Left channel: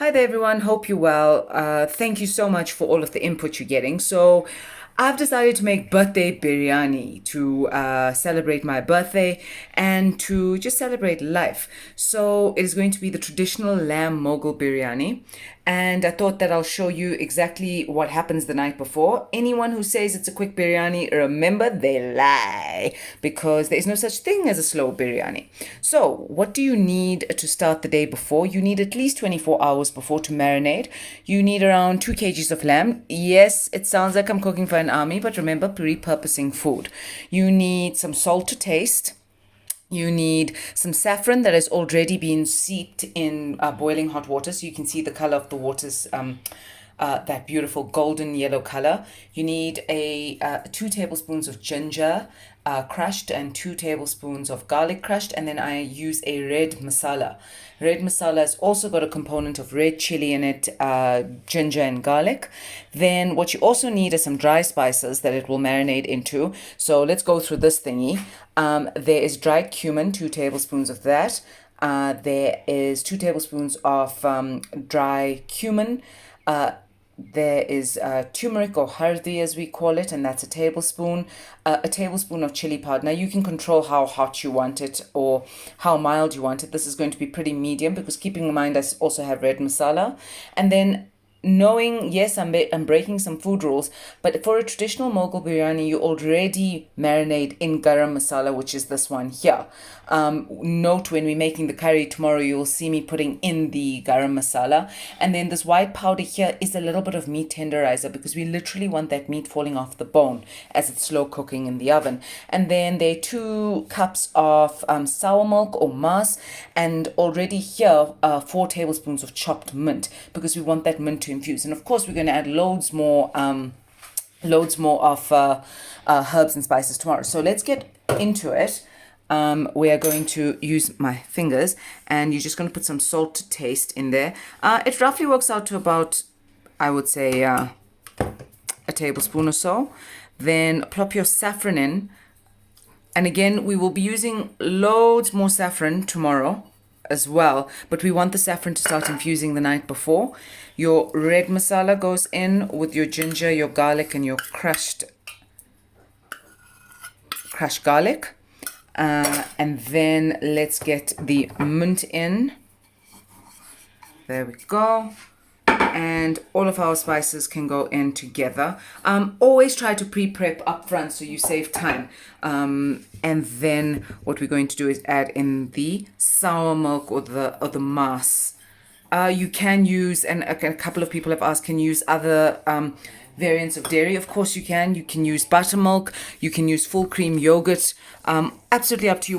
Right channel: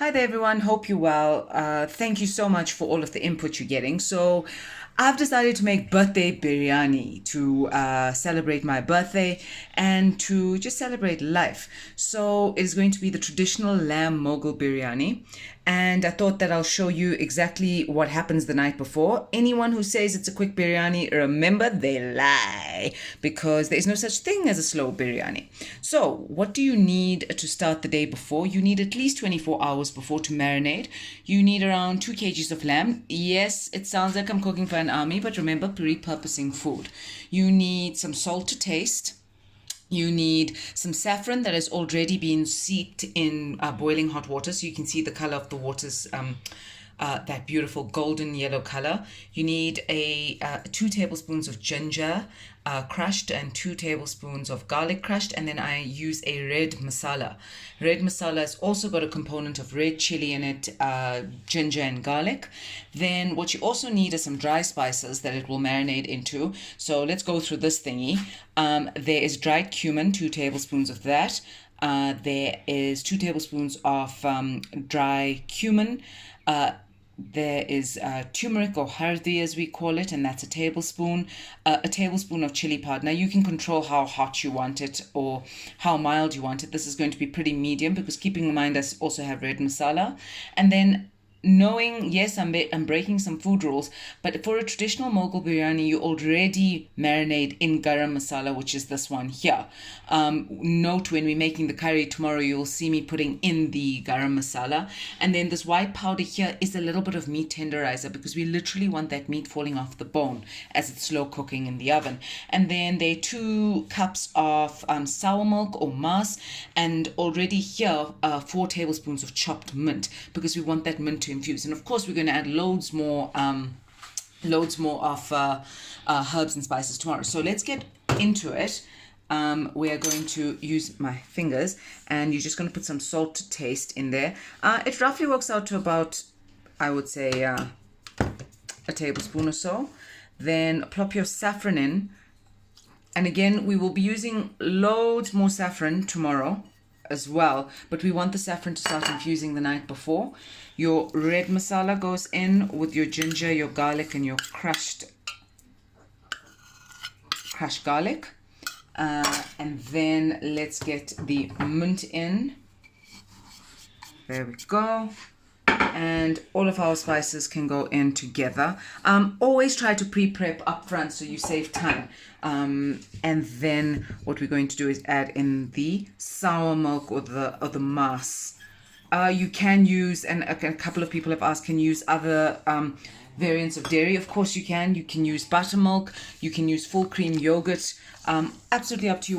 Hi there, everyone. Hope you're well. Thank you so much for all of the input you're getting. So, I've decided to make birthday biryani to celebrate my birthday and to just celebrate life. So, it is going to be the traditional lamb Moghul biryani. And I thought that I'll show you exactly what happens the night before. Anyone who says it's a quick biryani, remember they lie because there is no such thing as a slow biryani. So, what do you need to start the day before? You need at least 24 hours before to marinate. You need around 2 kgs of lamb. Yes, it sounds like I'm cooking for an army, but remember, repurposing food. You need some salt to taste. You need some saffron that has already been steeped in boiling hot water, so you can see the color of the water's that beautiful golden yellow color. You need 2 tablespoons of ginger crushed and 2 tablespoons of garlic crushed, and then I use a red masala. Red masala has also got a component of red chili in it, ginger and garlic. Then what you also need is some dry spices that it will marinate into. So let's go through this thingy. There is dried cumin, 2 tablespoons of that. There is 2 tablespoons of dry cumin. There is turmeric or hardi as we call it, and that's a tablespoon. A tablespoon of chili powder. Now you can control how hot you want it or how mild you want it. This is going to be pretty medium because keeping in mind I also have red masala. And then knowing, yes, I'm breaking some food rules, but for a traditional Mughal biryani, you already marinate in garam masala, which is this one here. Note when we're making the curry tomorrow, you'll see me putting in the garam masala. And then this white powder here is a little bit of meat tenderizer because we literally want that meat falling off the bone as it's slow cooking in the oven. And then there are 2 cups of sour milk or mas, and already here 4 tablespoons of chopped mint because we want that mint to infuse. And of course, we're going to add loads more of herbs and spices tomorrow. So let's get into it. We are going to use my fingers, and you're just going to put some salt to taste in there. It roughly works out to about, I would say, a tablespoon or so. Then plop your saffron in. And again, we will be using loads more saffron tomorrow as well, but we want the saffron to start infusing the night before. Your red masala goes in with your ginger, your garlic, and your crushed garlic. And then let's get the mint in. There we go. And all of our spices can go in together. Always try to pre-prep up front so you save time. And then what we're going to do is add in the sour milk or the mass. You can use, and a couple of people have asked, can use other variants of dairy. Of course you can. You can use buttermilk. You can use full cream yogurt. Absolutely up to you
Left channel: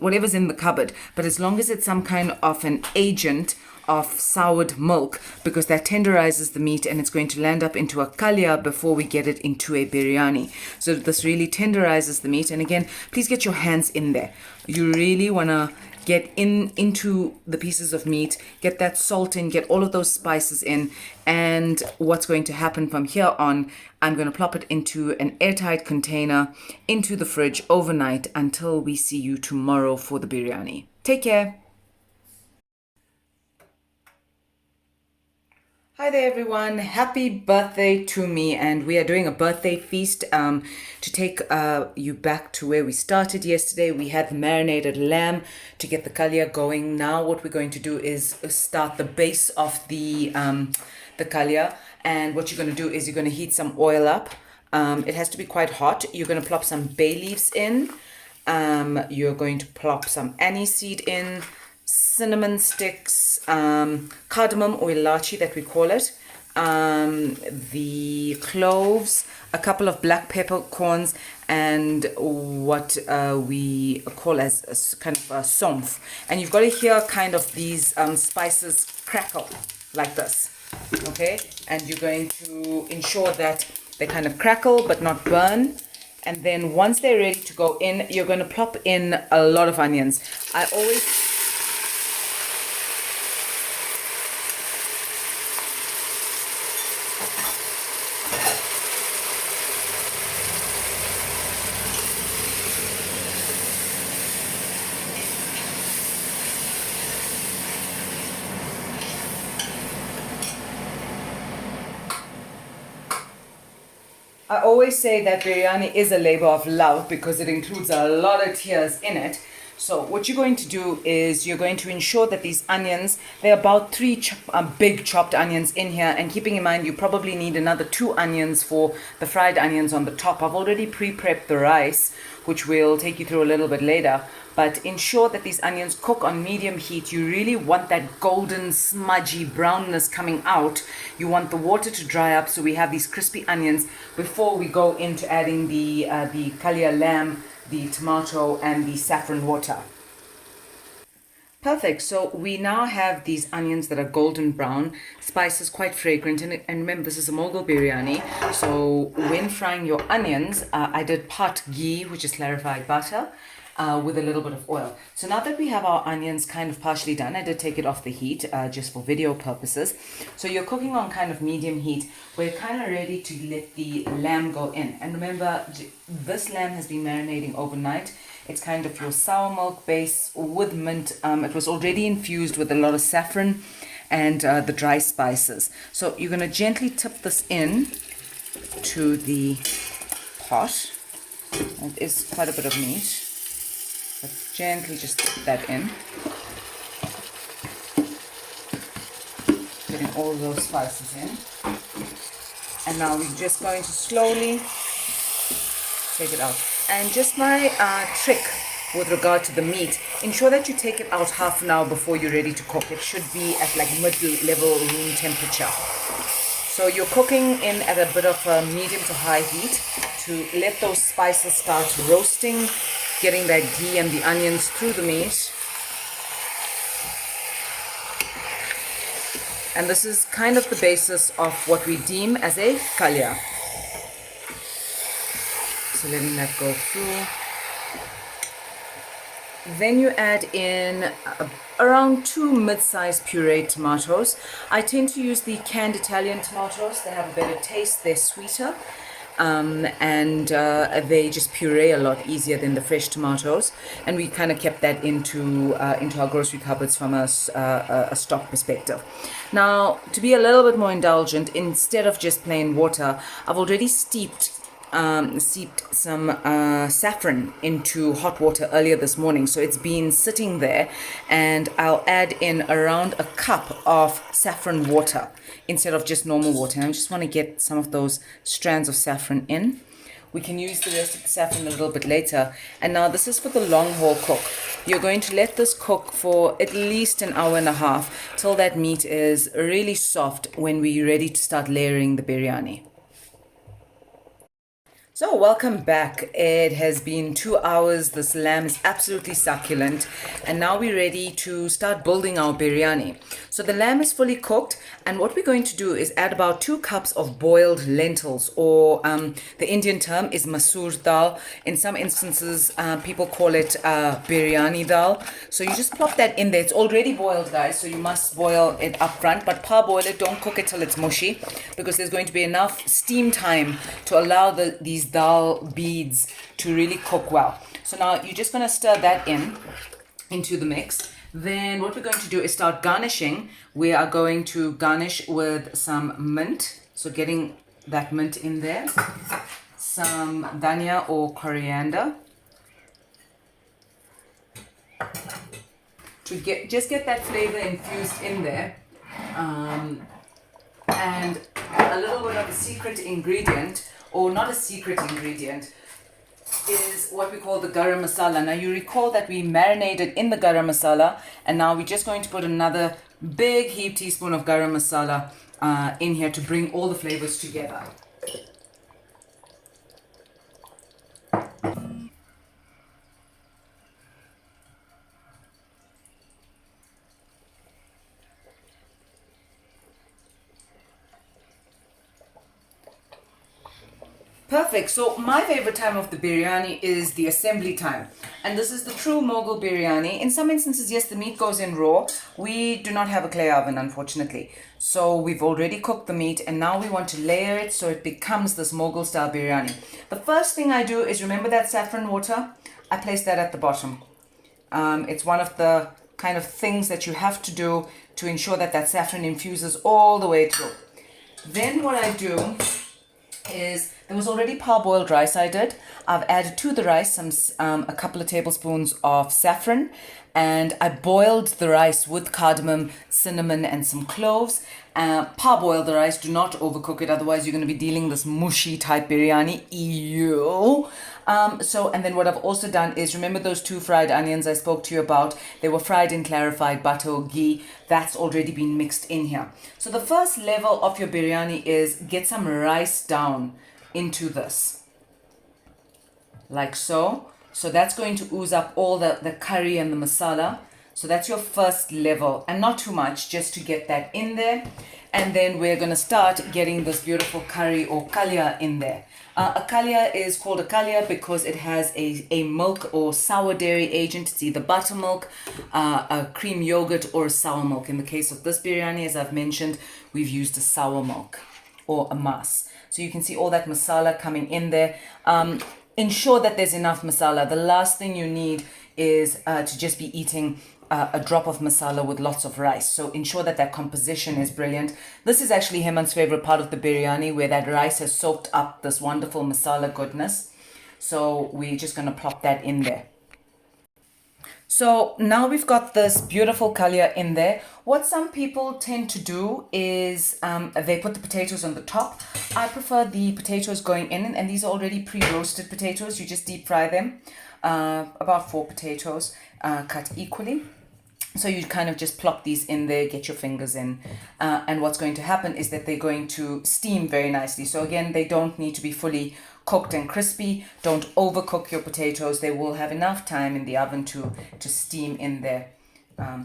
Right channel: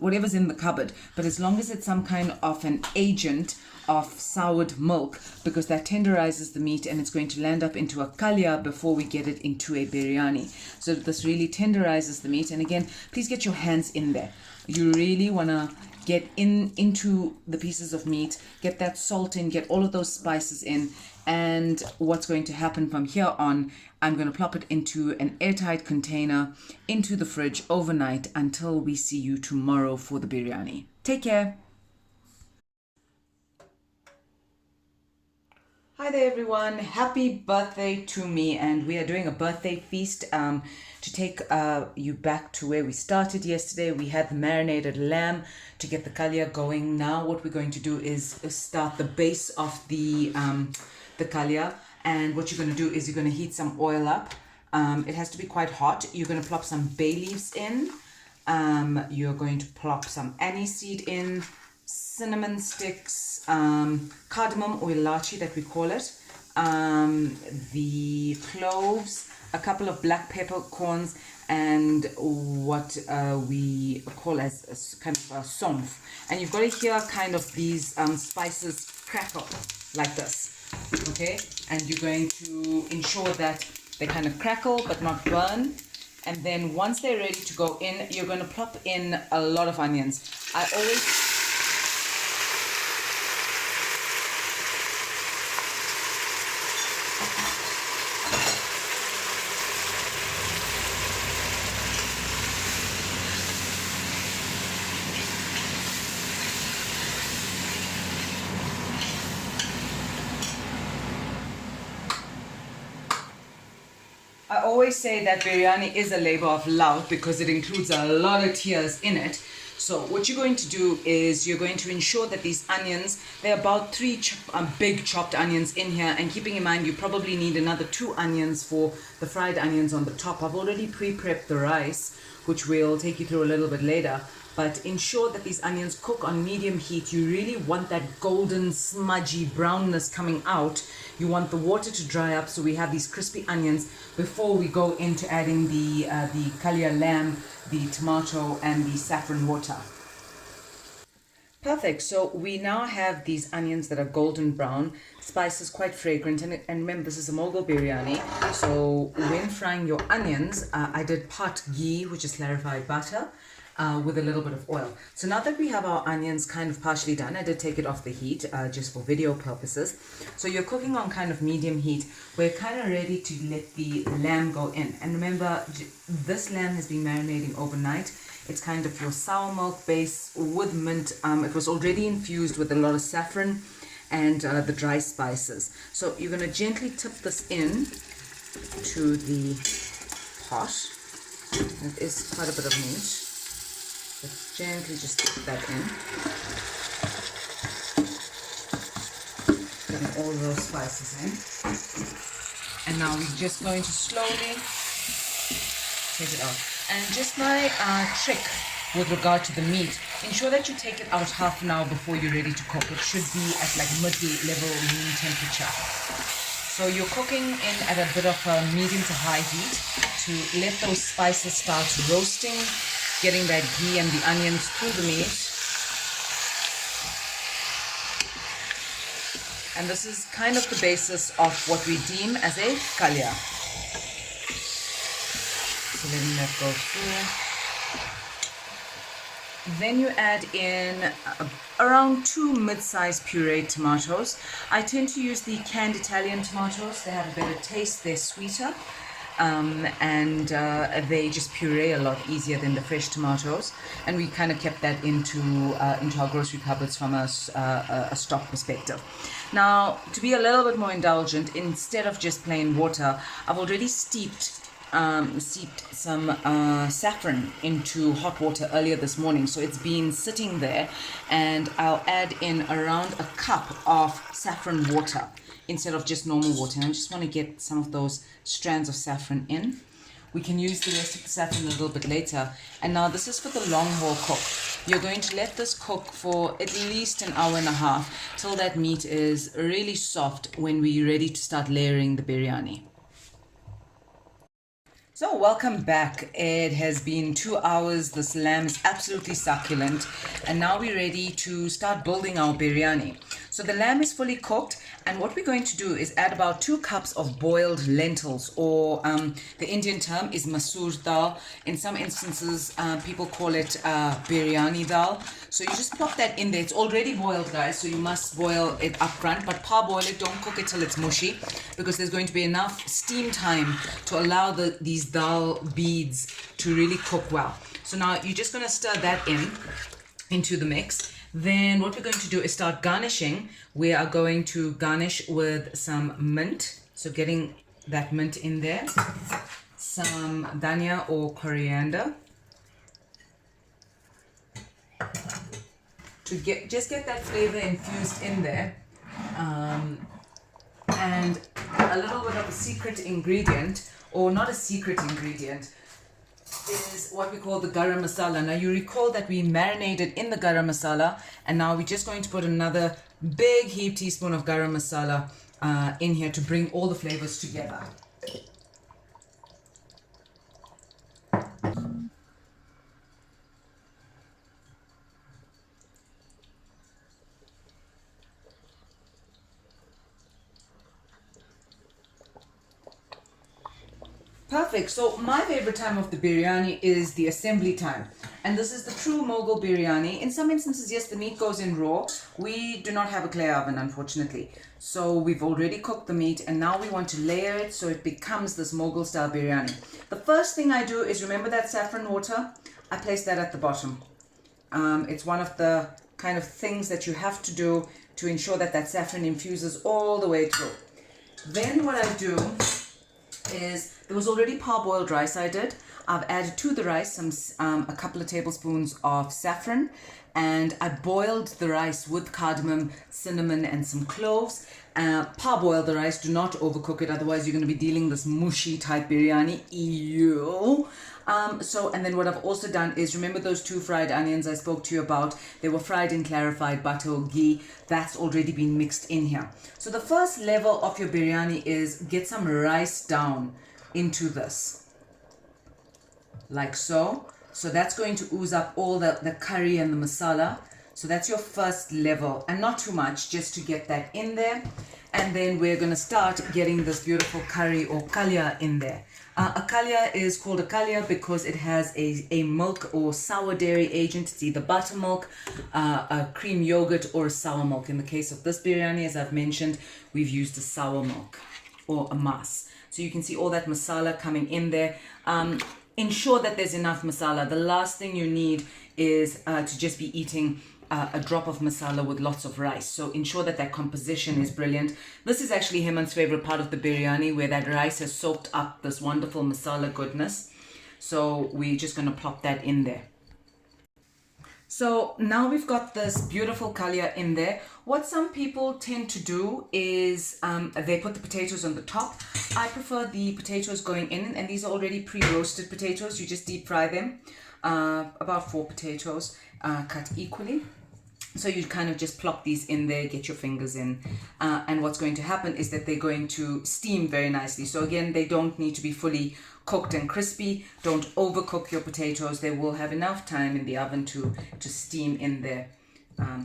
whatever's in the cupboard. But as long as it's some kind of an agent of soured milk, because that tenderizes the meat and it's going to land up into a kalia before we get it into a biryani. So this really tenderizes the meat. And again, please get your hands in there. You really want to get into the pieces of meat, get that salt in, get all of those spices in. And what's going to happen from here on, I'm going to plop it into an airtight container into the fridge overnight until we see you tomorrow for the biryani. Take care. Hi there, everyone. Happy birthday to me. And we are doing a birthday feast to take you back to where we started yesterday. We had the marinated lamb to get the kalia going. Now what we're going to do is start the base of the kalia. And what you're going to do is you're going to heat some oil up. It has to be quite hot. You're going to plop some bay leaves in. You're going to plop some anise seed in, cinnamon sticks, cardamom or ilachi that we call it, the cloves, a couple of black peppercorns, and what we call as kind of a somf. And you've got to hear kind of these spices crackle like this, okay? And you're going to ensure that they kind of crackle but not burn. And then once they're ready to go in, you're going to plop in a lot of onions. I always I always say that biryani is a labor of love because it includes a lot of tears in it. So what you're going to do is you're going to ensure that these onions, there are about big chopped onions in here, and keeping in mind you probably need another 2 onions for the fried onions on the top. I've already pre-prepped the rice, which we'll take you through a little bit later. But ensure that these onions cook on medium heat. You really want that golden smudgy brownness coming out. You want the water to dry up so we have these crispy onions before we go into adding the kalia lamb, the tomato and the saffron water. Perfect. So we now have these onions that are golden brown. Spice is quite fragrant. And remember, this is a Moghul biryani. So when frying your onions, I did part ghee, which is clarified butter, with a little bit of oil. So now that we have our onions kind of partially done, I did take it off the heat just for video purposes. So you're cooking on kind of medium heat. We're kind of ready to let the lamb go in. And remember, this lamb has been marinating overnight. It's kind of your sour milk base with mint. It was already infused with a lot of saffron and the dry spices. So you're going to gently tip this in to the pot. It is quite a bit of meat. Let's gently just tip that in. Getting all those spices in. And now we're just going to slowly take it out. And just my trick with regard to the meat, ensure that you take it out half an hour before you're ready to cook. It should be at like mid-level room temperature. So you're cooking in at a bit of a medium to high heat to let those spices start roasting, getting that ghee and the onions through the meat. And this is kind of the basis of what we deem as a kalia. So letting that go through. Then you add in around 2 mid-sized pureed tomatoes. I tend to use the canned Italian tomatoes. They have a better taste, they're sweeter, and they just puree a lot easier than the fresh tomatoes. And we kind of kept that into our grocery cupboards from a stock perspective. Now, to be a little bit more indulgent, instead of just plain water, I've already seeped some saffron into hot water earlier this morning, so it's been sitting there, and I'll add in around a cup of saffron water instead of just normal water. And I just want to get some of those strands of saffron in. We can use the rest of the saffron a little bit later. And now this is for the long haul cook. You're going to let this cook for at least an hour and a half till that meat is really soft when we're ready to start layering the biryani. So welcome back. It has been 2 hours. This lamb is absolutely succulent. And now we're ready to start building our biryani. So the lamb is fully cooked. And what we're going to do is add about 2 cups of boiled lentils, or the Indian term is masoor dal. In some instances, people call it biryani dal. So you just plop that in there. It's already boiled, guys, so you must boil it up front. But parboil it. Don't cook it till it's mushy, because there's going to be enough steam time to allow these dal beads to really cook well. So now you're just going to stir that into the mix. Then what we're going to do is start garnishing. We are going to garnish with some mint. So getting that mint in there. Some dhania or coriander. To just get that flavor infused in there. And a little bit of a secret ingredient, or not a secret ingredient, is what we call the garam masala. Now you recall that we marinated in the garam masala, and now we're just going to put another big heaped teaspoon of garam masala in here to bring all the flavors together. Perfect. So my favorite time of the biryani is the assembly time. And this is the true Moghul biryani. In some instances, yes, the meat goes in raw. We do not have a clay oven, unfortunately. So we've already cooked the meat, and now we want to layer it so it becomes this Moghul style biryani. The first thing I do is, remember that saffron water? I place that at the bottom. It's one of the kind of things that you have to do to ensure that that saffron infuses all the way through. Then what I do is There was already parboiled rice I did. I've added to the rice a couple of tablespoons of saffron, and I boiled the rice with cardamom, cinnamon, and some cloves. Parboil the rice. Do not overcook it, otherwise you're going to be dealing this mushy type biryani. Ew. And then what I've also done is, remember those 2 fried onions I spoke to you about? They were fried in clarified butter or ghee. That's already been mixed in here. So the first level of your biryani is get some rice down into this, like so. So that's going to ooze up all the curry and the masala. So that's your first level, and not too much, just to get that in there. And then we're going to start getting this beautiful curry or kalia in there. A kalia is called a kalia because it has a milk or sour dairy agent. It's either buttermilk, a cream yogurt, or sour milk. In the case of this biryani, as I've mentioned, we've used a sour milk or a mas. So you can see all that masala coming in there. Ensure that there's enough masala. The last thing you need is to just be eating a drop of masala with lots of rice. So ensure that that composition is brilliant. This is actually Heman's favorite part of the biryani, where that rice has soaked up this wonderful masala goodness. So we're just going to plop that in there. So now we've got this beautiful kalia in there. What some people tend to do is they put the potatoes on the top. I prefer the potatoes going in, and these are already pre-roasted potatoes. You just deep fry them, about 4 potatoes cut equally. So you kind of just plop these in there, get your fingers in, and what's going to happen is that they're going to steam very nicely. So again, they don't need to be fully cooked and crispy. Don't overcook your potatoes. They will have enough time in the oven to steam in there.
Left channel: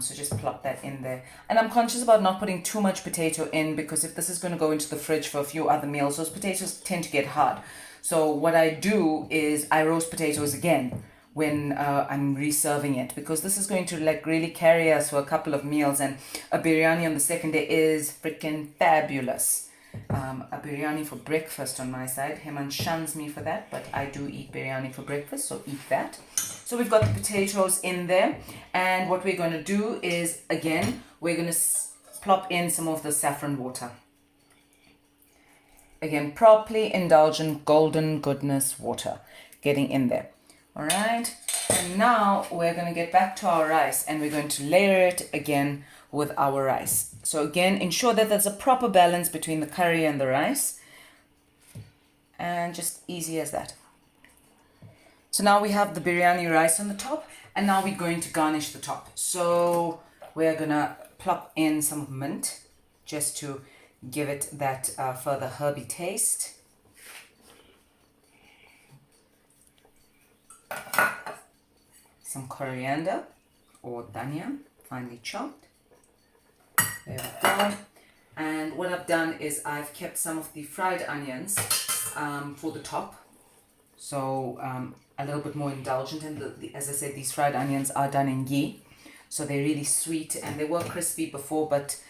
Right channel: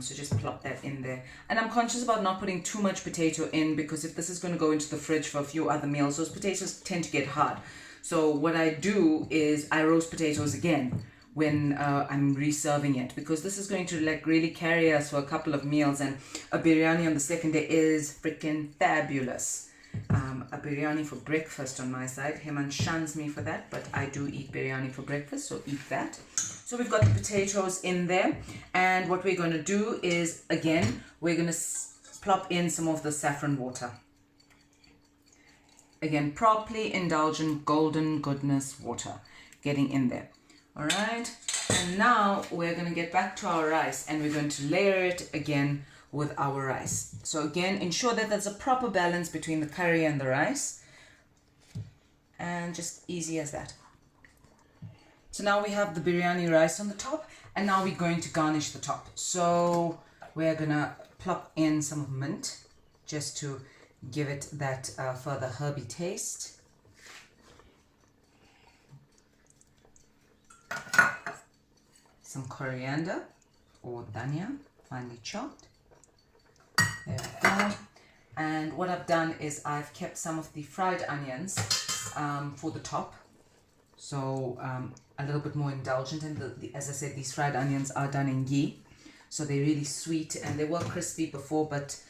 So just plop that in there. And I'm conscious about not putting too much potato in, because if this is going to go into the fridge for a few other meals, those potatoes tend to get hard. So what I do is I roast potatoes again when I'm reserving it, because this is going to like really carry us for a couple of meals, and a biryani on the second day is freaking fabulous. A biryani for breakfast on my side. Heman shuns me for that, but I do eat biryani for breakfast, so eat that. So we've got the potatoes in there, and what we're going to do is, again, we're going to plop in some of the saffron water. Again, properly indulgent golden goodness water getting in there. All right, and now we're going to get back to our rice, and we're going to layer it again with our rice. So again, ensure that there's a proper balance between the curry and the rice, and just easy as that. So now we have the biryani rice on the top, and now we're going to garnish the top. So we're gonna plop in some mint just to give it that further herby taste. Some coriander or dhania, finely chopped. There we go. And what I've done is I've kept some of the fried onions for the top. So a little bit more indulgent. And as I said, these fried onions are done in ghee. So they're really sweet, and they were crispy before, but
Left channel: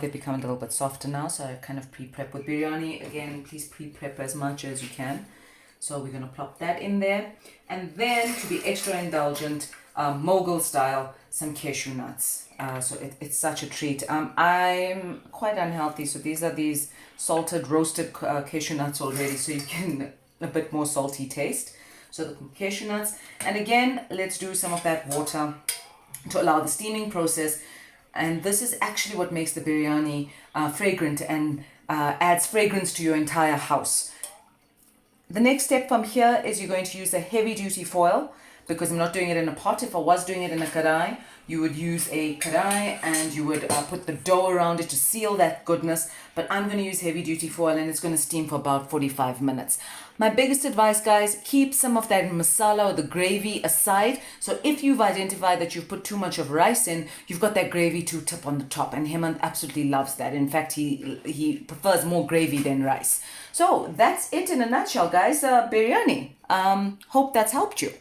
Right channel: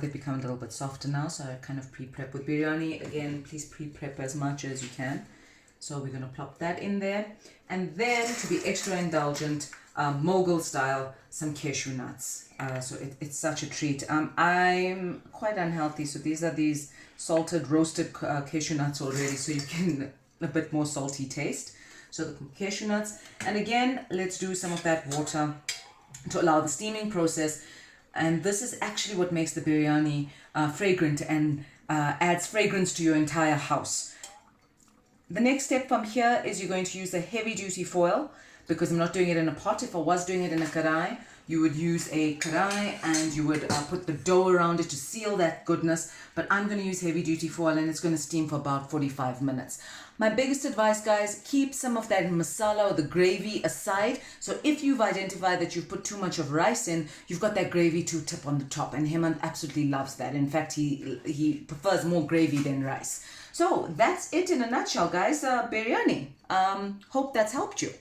they've become a little bit softer now. So I kind of pre-prep with biryani. Again, please pre-prep as much as you can. So we're going to plop that in there. And then, to be extra indulgent, Moghul style, some cashew nuts. So it's such a treat. I'm quite unhealthy, so these are these salted, roasted cashew nuts already, so you can a bit more salty taste. So the cashew nuts. And again, let's do some of that water to allow the steaming process. And this is actually what makes the biryani fragrant and adds fragrance to your entire house. The next step from here is you're going to use a heavy duty foil, because I'm not doing it in a pot. If I was doing it in a karai, you would use a karai and you would put the dough around it to seal that goodness. But I'm going to use heavy duty foil, and it's going to steam for about 45 minutes. My biggest advice, guys, keep some of that masala or the gravy aside. So if you've identified that you've put too much of rice in, you've got that gravy to tip on the top. And Hemant absolutely loves that. In fact, he prefers more gravy than rice. So that's it in a nutshell, guys. Biryani. Hope that's helped you.